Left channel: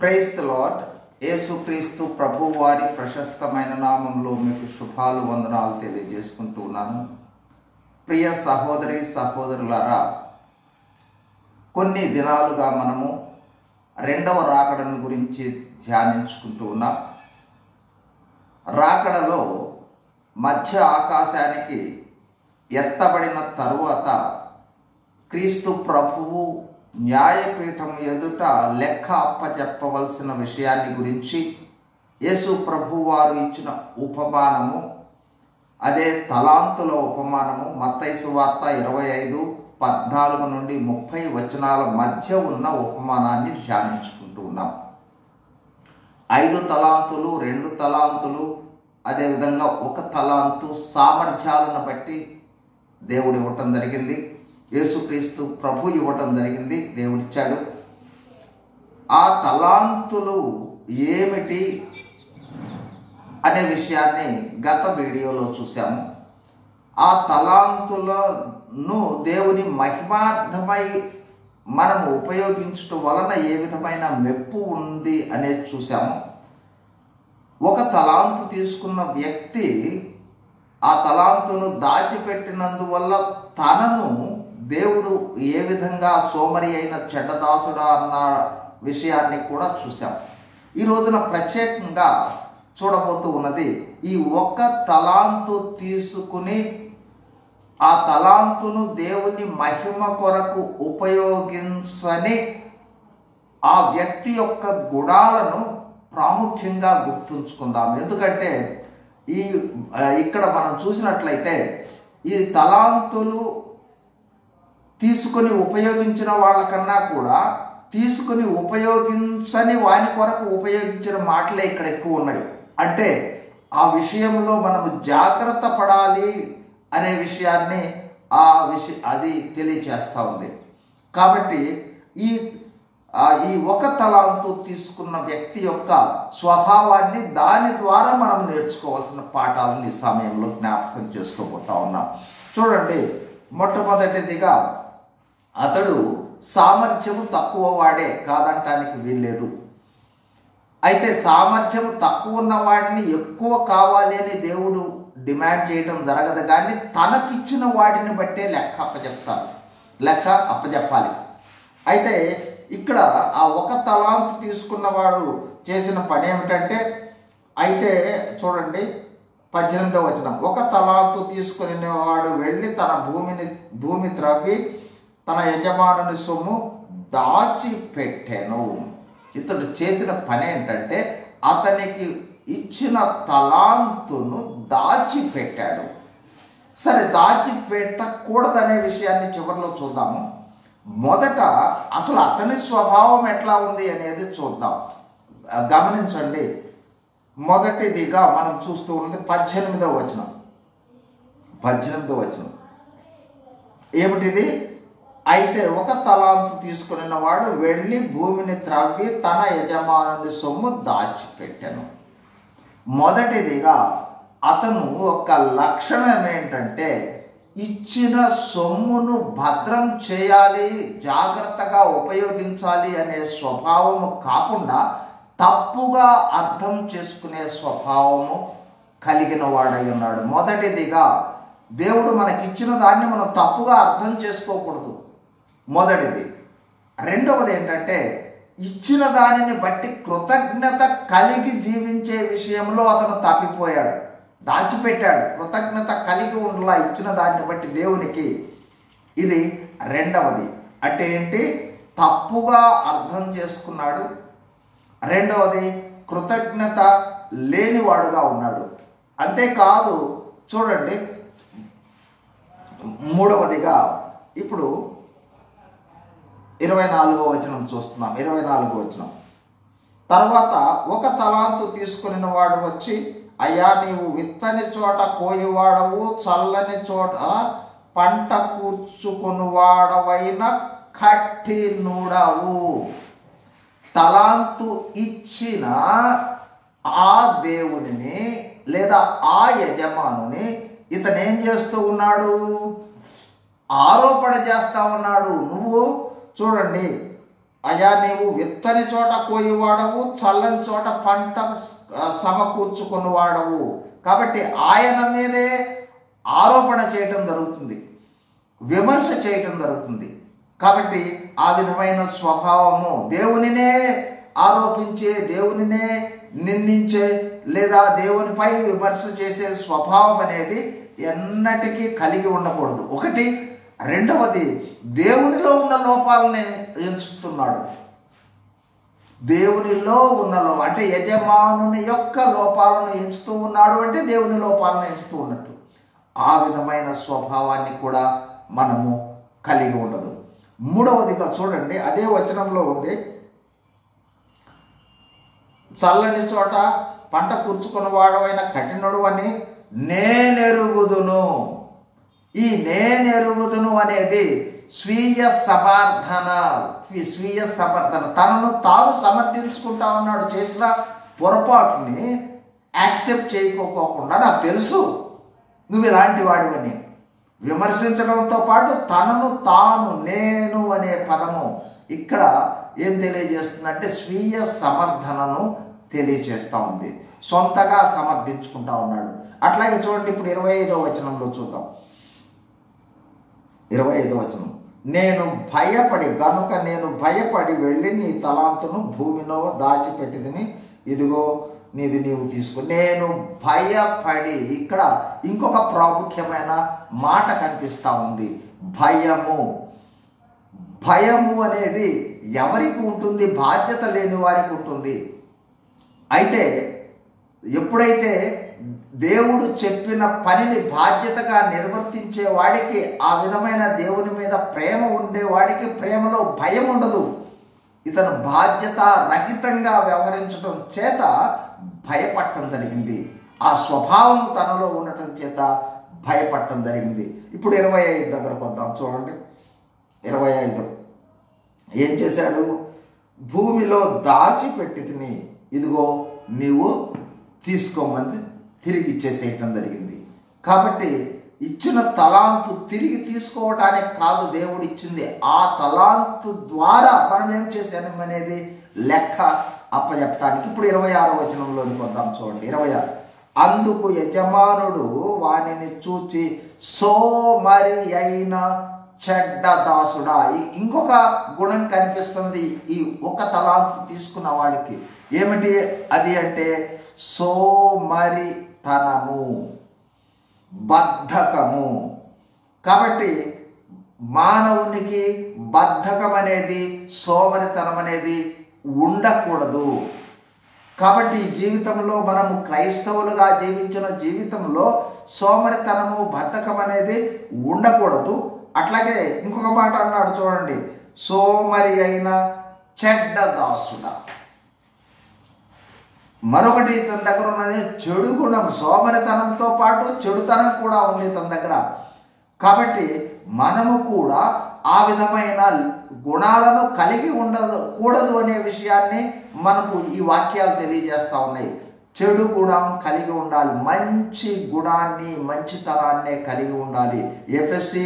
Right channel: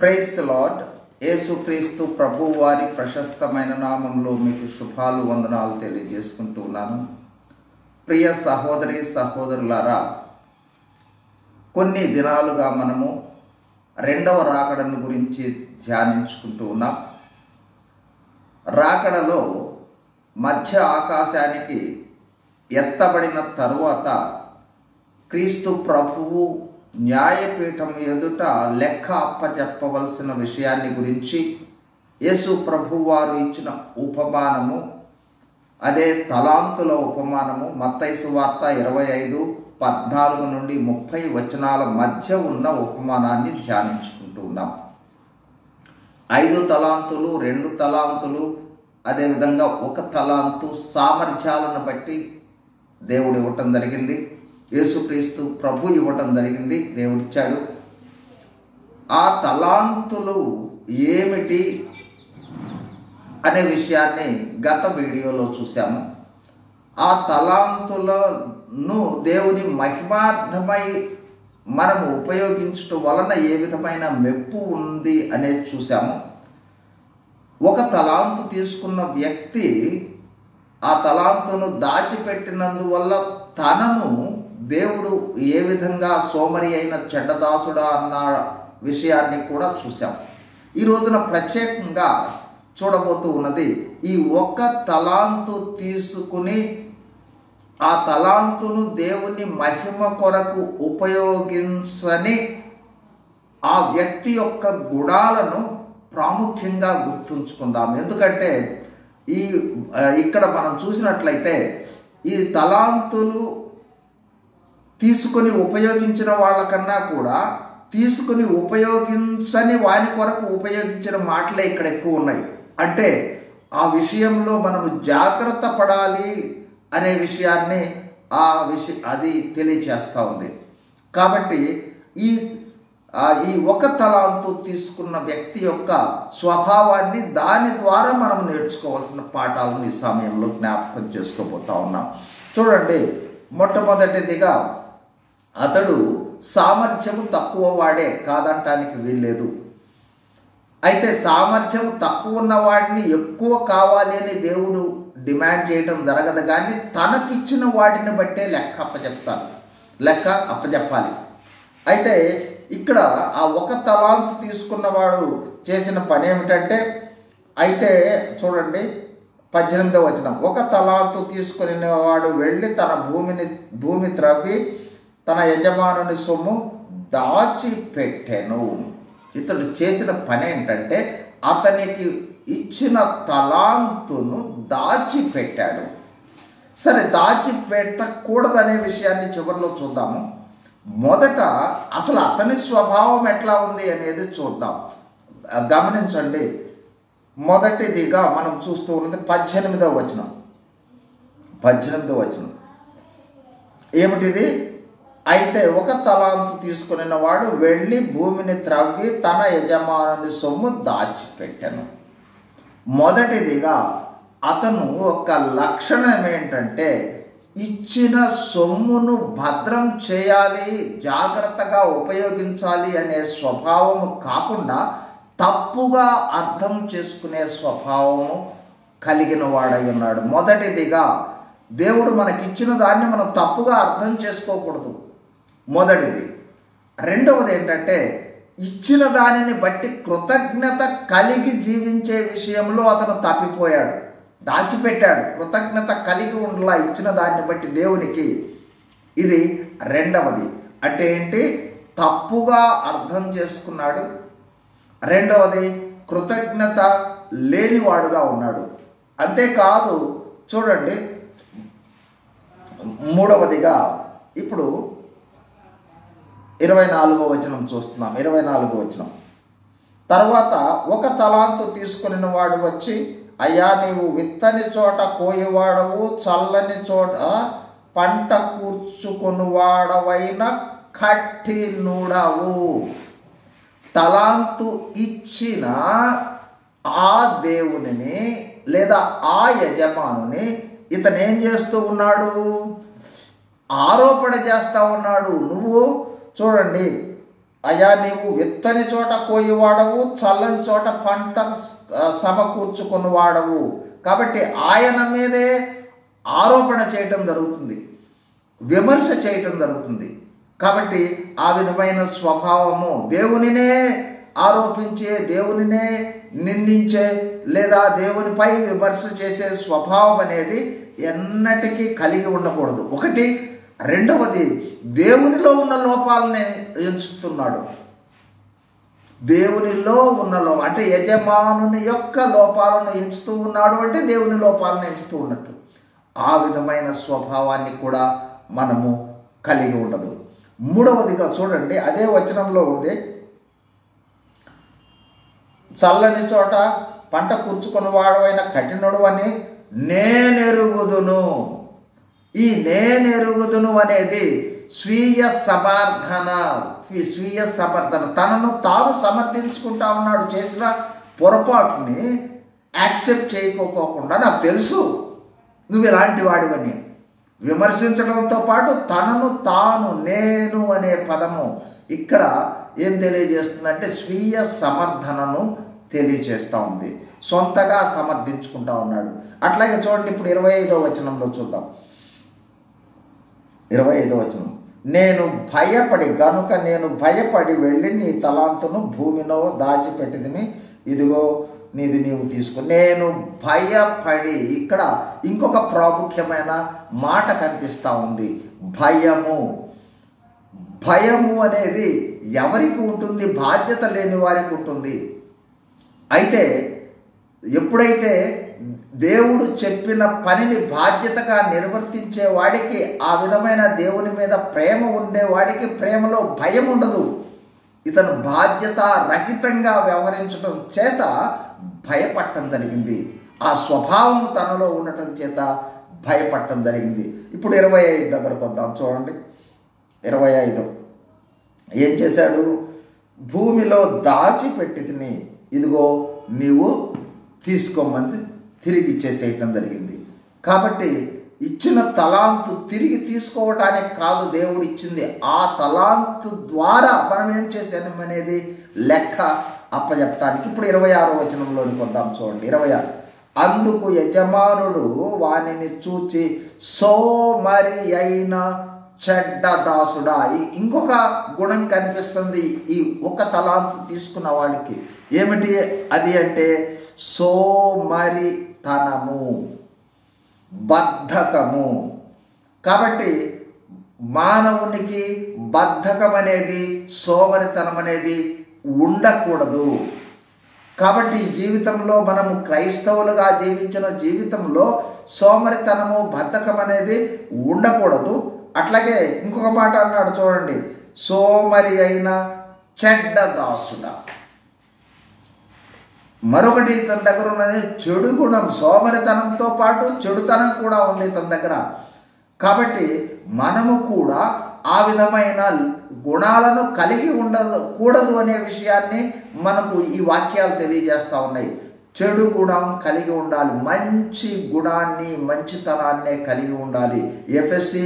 Praise the lord. యేసుక్రీస్తు ప్రభు వారి ప్రశస్తమైన నామంలో మీకు శుభాలు వందనాలు తెలియజేసుకుంటూ ఉన్నాను. ప్రియ సహోదరి సహోదరులారా, కొన్ని దినాలుగా మనము రెండవ రాకడను గురించి ధ్యానించుకుంటూ ఉన్నాం. రాకడలో మధ్య ఆకాశానికి ఎత్తబడిన తరువాత క్రీస్తు ప్రభువు న్యాయపీఠం ఎదుట లెక్క అప్పచెప్పవలసిన విషయాన్ని గురించి యేసు ప్రభు వారు ఇచ్చిన ఉపమానము, అదే తలాంతుల ఉపమానము, మత్తయి సువార్త 25:14 నుండి 30 వచనాల మధ్య ఉన్న ఉపమానాన్ని ధ్యానించుకుంటూ ఉన్నాం. 5 తలాంతులు, 2 తలాంతులు, అదేవిధంగా 1 తలాంతు సామర్థ్యాలను బట్టి దేవుడు ఇవ్వటం జరిగింది. యేసుక్రీస్తు ప్రభు ఇవ్వటం జరిగింది, దేవుడిచ్చాడు. ఆ తలాంతులు ఏమిటి అనే విషయాన్ని గత వీడియోలో చూసాము. ఆ తలాంతులను దేవుని మహిమార్థమై మనము ఉపయోగించటం వలన ఏ విధమైన మెప్పు ఉంది అనేది చూసాము. 1 తలాంతు తీసుకున్న వ్యక్తి ఆ తలాంతును దాచిపెట్టినందువల్ల తనను దేవుడు ఏ విధంగా సోమరి అయిన చెడ్డదాసుడా అన్న విషయాన్ని కూడా చూసాం. ఈ రోజున ప్రత్యేకంగా చూడబోతూ ఉన్నది, ఈ 1 తలాంతు తీసుకుని ఆ తలాంతును దేవుని మహిమ కొరకు ఉపయోగించని ఆ వ్యక్తి యొక్క గుణాలను ప్రాముఖ్యంగా గుర్తుంచుకుందాం. ఎందుకంటే ఇక్కడ మనం చూసినట్లయితే ఈ తలాంతులు తీసుకుని ఉపయోగించిన వాళ్ళకన్నా కూడా తీసుకుని ఉపయోగించని వాని కొరకు ఉపయోగించిన మాటలే ఇక్కడ ఎక్కువ ఉన్నాయి. అంటే ఆ విషయంలో మనము జాగ్రత్త పడాలి అనే విషయాన్ని అది తెలియచేస్తూ ఉంది. కాబట్టి ఈ 1 తలాంతు తీసుకున్న వ్యక్తి యొక్క స్వభావాన్ని దాని ద్వారా మనం నేర్చుకోవాల్సిన పాఠాలను ఈ సమయంలో జ్ఞాపకం చేసుకోబోతా ఉన్నాం. చూడండి, మొట్టమొదటిదిగా అతడు సామర్థ్యము తక్కువ వాడే, కాదంటానికి వీల్లేదు. అయితే సామర్థ్యము తక్కువ ఉన్న వాడిని ఎక్కువ కావాలి అని దేవుడు డిమాండ్ చేయడం జరగదు, కానీ తనకిచ్చిన వాటిని బట్టే లెక్క అప్పచెప్పాలి. అయితే ఇక్కడ ఆ 1 తలాంతు తీసుకున్నవాడు చేసిన పని ఏమిటంటే, అయితే చూడండి 18వ వచనం, 1 తలాంతు తీసుకుని వాడు వెళ్ళి తన భూమి త్రవ్వి తన యజమానుని సొమ్ము దాచిపెట్టెను. ఇతడు చేసిన పని ఏంటంటే అతనికి ఇచ్చిన తలాంతును దాచిపెట్టాడు. సరే, దాచిపెట్టకూడదనే విషయాన్ని చివరిలో చూద్దాము. మొదట అసలు అతని స్వభావం ఎట్లా ఉంది అనేది చూద్దాం. గమనించండి, మొదటిదిగా మనం చూస్తూ ఉన్నది 18వ వచనం. 18వ వచనం ఏమిటిది? అయితే 1 తలాంతు తీసుకున్న వాడు వెళ్ళి భూమిని త్రవ్వి తన యజమానుని సొమ్ము దాచిపెట్టెను. మొదటిదిగా అతను ఒక లక్షణం ఏంటంటే ఇచ్చిన సొమ్మును భద్రం చేయాలి, జాగ్రత్తగా ఉపయోగించాలి అనే స్వభావము కాకుండా తప్పుగా అర్థం చేసుకునే స్వభావము కలిగిన వాడై ఉన్నాడు. మొదటిదిగా దేవుడు మనకిచ్చిన దాన్ని మనం తప్పుగా అర్థం చేసుకోకూడదు, మొదటిది. రెండవది ఏంటంటే ఇచ్చిన దానిని బట్టి కృతజ్ఞత కలిగి జీవించే విషయంలో అతను తప్పిపోయాడు, దాచిపెట్టాడు. కృతజ్ఞత కలిగి ఉండలా ఇచ్చిన దాన్ని బట్టి దేవునికి. ఇది రెండవది. అంటే ఏంటి? తప్పుగా అర్థం చేసుకున్నాడు. రెండవది, కృతజ్ఞత లేనివాడుగా ఉన్నాడు. అంతేకాదు, చూడండి, మూడవదిగా ఇప్పుడు 24వ వచనం చూస్తున్నాం. 24వ వచనం, తర్వాత 1 తలాంతు తీసుకుని వాడు వచ్చి, అయ్యా, నీవు విత్తని చోట కోయివాడవు, చల్లని చోట పంట కూర్చుకొనివాడవైన కఠినుడవు. తలాంతు ఇచ్చిన ఆ దేవునిని లేదా ఆ యజమానుని ఇతను ఏం చేస్తూ ఉన్నాడు? ఆరోపణ చేస్తా ఉన్నాడు. నువ్వు చూడండి అయా నీవు విత్తని చోట కోయివాడవు, చల్లని చోట పంట సమకూర్చుకుని వాడవు. కాబట్టి ఆయన మీదే ఆరోపణ చేయటం జరుగుతుంది, విమర్శ చేయటం జరుగుతుంది. కాబట్టి ఆ విధమైన స్వభావము, దేవునినే ఆరోపించే, దేవునినే నిందించే లేదా దేవునిపై విమర్శ చేసే స్వభావం అనేది ఎన్నటికీ కలిగి ఉండకూడదు. ఒకటి. రెండవది, దేవునిలో ఉన్న లోపాలని ఎంచుతున్నాడు. దేవునిలో ఉన్న అంటే యజమానుని యొక్క లోపాలను ఎంచుతూ ఉన్నాడు అంటే దేవుని లోపాలను ఎంచుతూ ఉన్నట్టు. ఆ విధమైన స్వభావాన్ని కూడా మనము కలిగి ఉండదు. మూడవదిగా చూడండి, అదే వచనంలో ఉంది, చల్లని చోట పంట కూర్చుకుని వాడవైన కఠినుడు అని నేనెరుగుదును. ఈ నేనెరుగుదును అనేది స్వీయ సమర్థన, తనను తాను సమర్థించుకుంటా ఉన్నాడు. చేసిన పొరపాటుని యాక్సెప్ట్ చేయకోకుండా నాకు తెలుసు నువ్వు ఇలాంటి వాడివని విమర్శించడంతో పాటు తనను తాను, నేను అనే పదము ఇక్కడ ఏం తెలియజేస్తుందంటే స్వీయ సమర్థనను తెలియజేస్తూ ఉంది. సొంతగా సమర్థించుకుంటా ఉన్నాడు. అట్లాగే చూడండి, ఇప్పుడు 25వ వచనంలో చూద్దాం. 25వ వచనం, నేను భయపడి వెళ్ళి నీ తలాంతును భూమిలో దాచిపెట్టిదిని, ఇదిగో నీవు తీసుకో. నేను భయపడి, ఇక్కడ ఇంకొక ప్రాముఖ్యమైన మాట కనిపిస్తూ ఉంది, భయము. భయము అనేది ఎవరికి ఉంటుంది? బాధ్యత లేని వారికి ఉంటుంది. అయితే ఎప్పుడైతే దేవుడు చెప్పిన పనిని బాధ్యతగా నిర్వర్తించే వాడికి, ఆ విధమైన దేవుని మీద ప్రేమ ఉండేవాడికి ప్రేమలో భయం ఉండదు. ఇతను బాధ్యత రహితంగా వ్యవహరించడం చేత భయపడటం జరిగింది. ఆ స్వభావం తనలో ఉండటం చేత భయపడటం జరిగింది. ఇప్పుడు 25 దగ్గరకు వద్దాం. చూడండి 25. ఏం చేశాడు? భూమిలో దాచిపెట్టితిని, ఇదిగో నీవు తీసుకోమని తిరిగి ఇచ్చేసేయటం జరిగింది. కాబట్టి ఇచ్చిన తలాంతు తిరిగి తీసుకోవటానికి కాదు దేవుడు ఇచ్చింది, ఆ తలాంతు ద్వారా మనం ఏం చేశాము అనేది లెక్క అప్పచెప్పటానికి. ఇప్పుడు 26వ వచనంలోనికి వద్దాం. చూడండి 26. అందుకు యజమానుడు వానిని చూచి సోమరి అయిన చెడ్డ దాసుడా. ఇంకొక గుణం కనిపిస్తుంది ఈ ఒక తలాంతు తీసుకున్న వాడికి. ఏమిటి అది అంటే సోమరితనము, బద్ధకము. కాబట్టి మానవునికి బద్ధకం అనేది, సోమరితనం అనేది ఉండకూడదు. కాబట్టి ఈ జీవితంలో మనము క్రైస్తవులుగా జీవించిన జీవితంలో సోమరితనము, బద్ధకం అనేది ఉండకూడదు. అట్లాగే ఇంకొక మాట అన్నాడు చూడండి, సోమరి అయిన చెడ్డ దాసుడా. మరొకటి తన దగ్గర ఉన్నది చెడు గుణం. సోమరితనంతో పాటు చెడుతనం కూడా ఉంది తన దగ్గర. కాబట్టి మనము కూడా ఆ విధమైన గుణాలను కలిగి ఉండకూడదు అనే విషయాన్ని మనకు ఈ వాక్యాలు తెలియజేస్తూ ఉన్నాయి. చెడు గుణం కలిగి ఉండాలి, మంచి గుణాన్ని, మంచితనాన్నే కలిగి ఉండాలి. ఎఫెసీ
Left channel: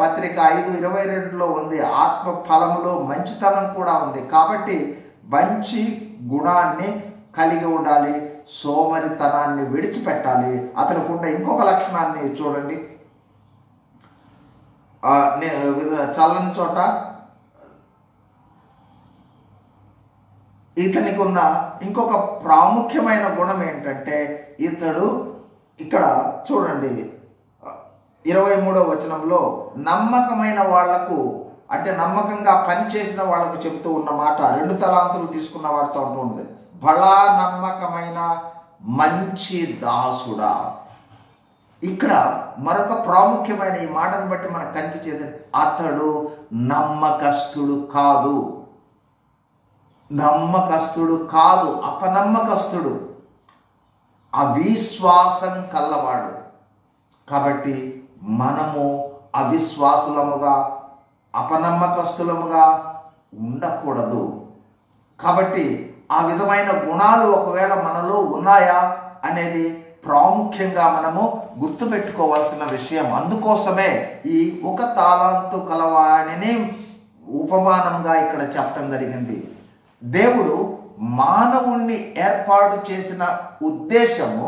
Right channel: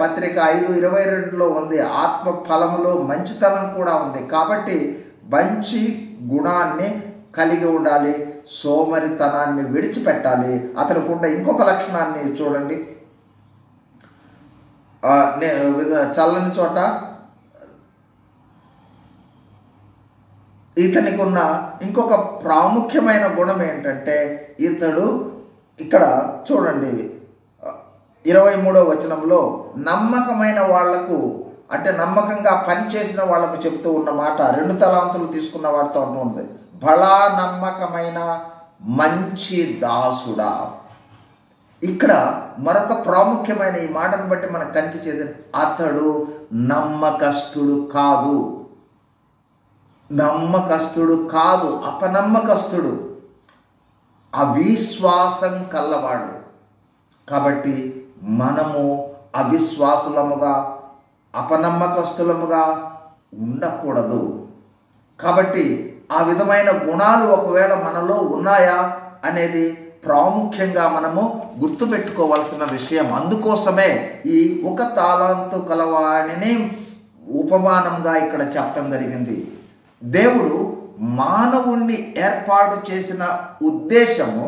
పత్రిక 5:22లో ఉంది, ఆత్మ ఫలములో మంచితనం కూడా ఉంది. కాబట్టి మంచి గుణాన్ని కలిగి ఉండాలి, సోమరితనాన్ని విడిచిపెట్టాలి. అతనికి ఉండే ఇంకొక లక్షణాన్ని చూడండి, చల్లని చోట ఇతనికి ఉన్న ఇంకొక ప్రాముఖ్యమైన గుణం ఏంటంటే, ఇతడు ఇక్కడ చూడండి 23వ వచనంలో నమ్మకమైన వాళ్లకు, అంటే నమ్మకంగా పనిచేసిన వాళ్ళకు చెబుతూ ఉన్న మాట, 2 తలాంతులు తీసుకున్న వాడితో అంటుంది, బలా నమ్మకమైన మంచి దాసుడా. ఇక్కడ మరొక ప్రాముఖ్యమైన ఈ మాటను బట్టి మనకు కనిపించేది, అతడు నమ్మకస్తుడు కాదు, అపనమ్మకస్తుడు, అవిశ్వాసం కల్లవాడు. కాబట్టి మనము అవిశ్వాసులముగా, అపనమ్మకస్తులముగా ఉండకూడదు. కాబట్టి ఆ విధమైన గుణాలు ఒకవేళ మనలో ఉన్నాయా అనేది ప్రాముఖ్యంగా మనము గుర్తుపెట్టుకోవాల్సిన విషయం. అందుకోసమే ఈ ఒక తాళంతు కలవాడిని ఉపమానంగా ఇక్కడ చెప్పడం జరిగింది. దేవుడు మానవుణ్ణి ఏర్పాటు చేసిన ఉద్దేశము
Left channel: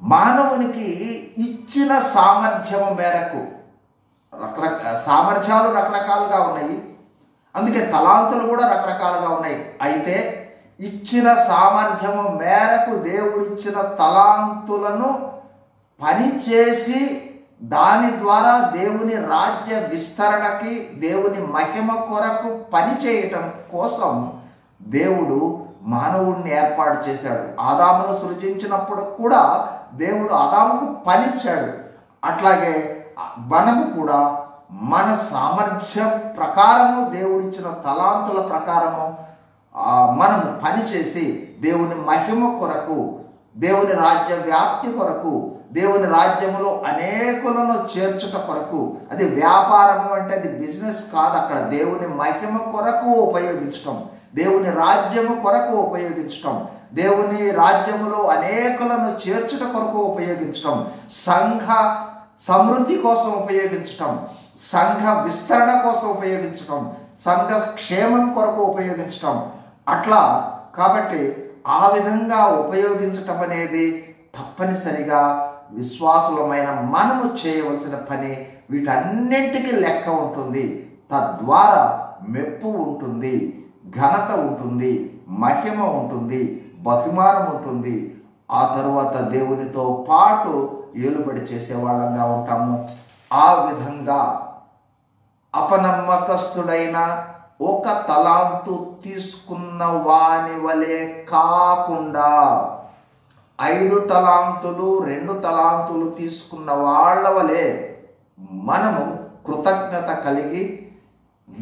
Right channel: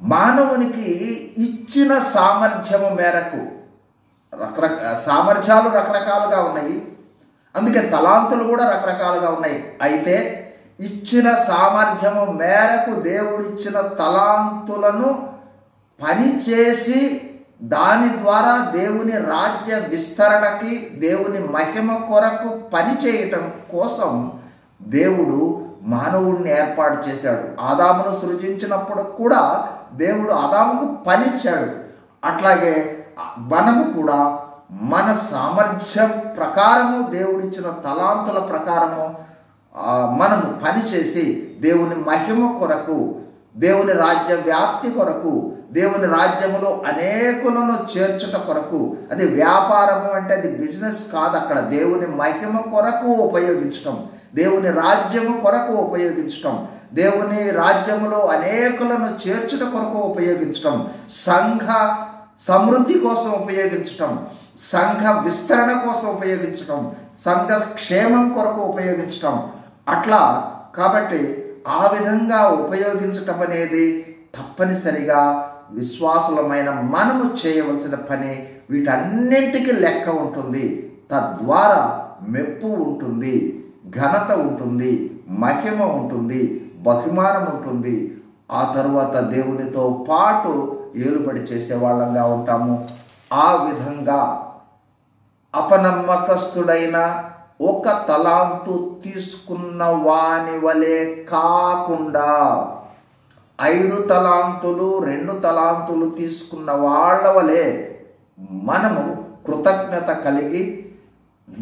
మానవునికి ఇచ్చిన సామర్థ్యము మేరకు సామర్థ్యాలు రకరకాలుగా ఉన్నాయి, అందుకే తలాంతులు కూడా రకరకాలుగా ఉన్నాయి. అయితే ఇచ్చిన సామర్థ్యము మేరకు దేవుడిచ్చిన తలాంతులను పనిచేసి దాని ద్వారా దేవుని రాజ్య విస్తరణకి, దేవుని మహిమ కొరకు పని చేయటం కోసం దేవుడు మానవుణ్ణి ఏర్పాటు చేశాడు. ఆదామును సృజించినప్పుడు కూడా దేవుడు ఆదాముకు పనిచ్చాడు. అట్లాగే మనము కూడా మన సామర్థ్యం ప్రకారము, దేవుడిచ్చిన తలాంతుల ప్రకారము మనము పనిచేసి దేవుని మహిమ కొరకు, దేవుని రాజ్య వ్యాప్తి కొరకు, దేవుని రాజ్యములో అనేకులను చేర్చుట కొరకు, అది వ్యాపారము అంటే అది బిజినెస్ కాదు, అక్కడ దేవుని మహిమ కొరకు ఉపయోగించటం, దేవుని రాజ్యము కొరకు ఉపయోగించటం, దేవుని రాజ్యములో అనేకులను చేర్చుట కొరకు ఉపయోగించటం, సంఘ సమృద్ధి కోసం ఉపయోగించటం, సంఘ విస్తరణ కోసం ఉపయోగించటం, సంఘ క్షేమం కొరకు ఉపయోగించటం. అట్లా కాబట్టి ఆ విధంగా ఉపయోగించటం అనేది తప్పనిసరిగా విశ్వాసులమైన మనము చేయవలసిన పని. వీటన్నింటికి లెక్క ఉంటుంది. తద్వారా మెప్పు ఉంటుంది, ఘనత ఉంటుంది, మహిమ ఉంటుంది, బహుమానం ఉంటుంది. ఆ తరువాత దేవునితో పాటు ఏలుబడి చేసేవాళ్ళంగా ఉంటాము. ఆ విధంగా అపనమ్మకస్తుడైన ఒక తలాంతు తీసుకున్న వాని వలె కాకుండా 5 తలాంతులు 2 తలాంతులు తీసుకున్న వాళ్ళ వలె మనము కృతజ్ఞత కలిగి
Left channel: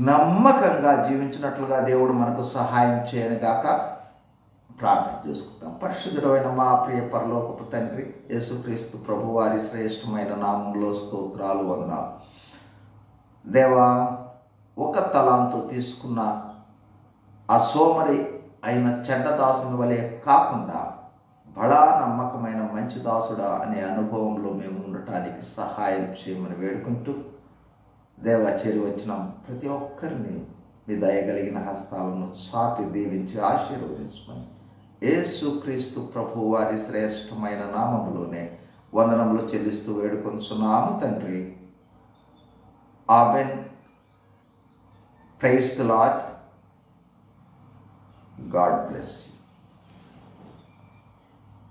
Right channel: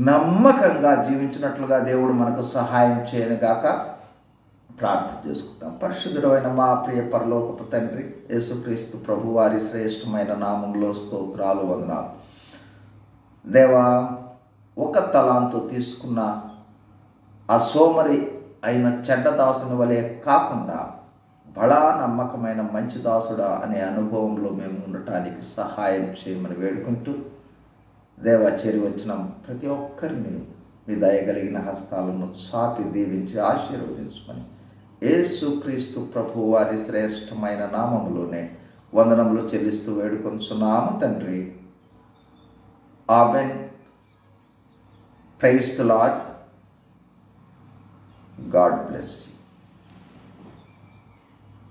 నమ్మకంగా జీవించినట్లుగా దేవుడు మనకు సహాయం చేయనుగాక. ప్రార్థన చేసుకుంటాం. పరిశుద్ధుడైన మా ప్రియ పరలోకపు తండ్రి, యేసుక్రీస్తు ప్రభు వారి శ్రేష్టమైన నామంలో స్తోత్రాలు, వందనాలు. దేవా, 1 తలాంతు తీసుకున్న ఆ సోమరి అయిన చెడ్డ దాసుని వలె కాకుండా బడా నమ్మకమైన మంచి దాసుడా అనే అనుభవంలో మేము ఉండటానికి సహాయం చేయమని వేడుకుంటూ, దేవా, చేరి వచ్చిన ప్రతి ఒక్కరిని మీ దయగలిగిన హస్తాలను చాపి దీవించి ఆశీర్వదించమని యేసుక్రీస్తు ప్రభు వారి శ్రేష్టమైన నామములోనే వందనములు చెల్లిస్తూ వేడుకొంచున్నాము తండ్రి. Amen. Praise the Lord. God bless you.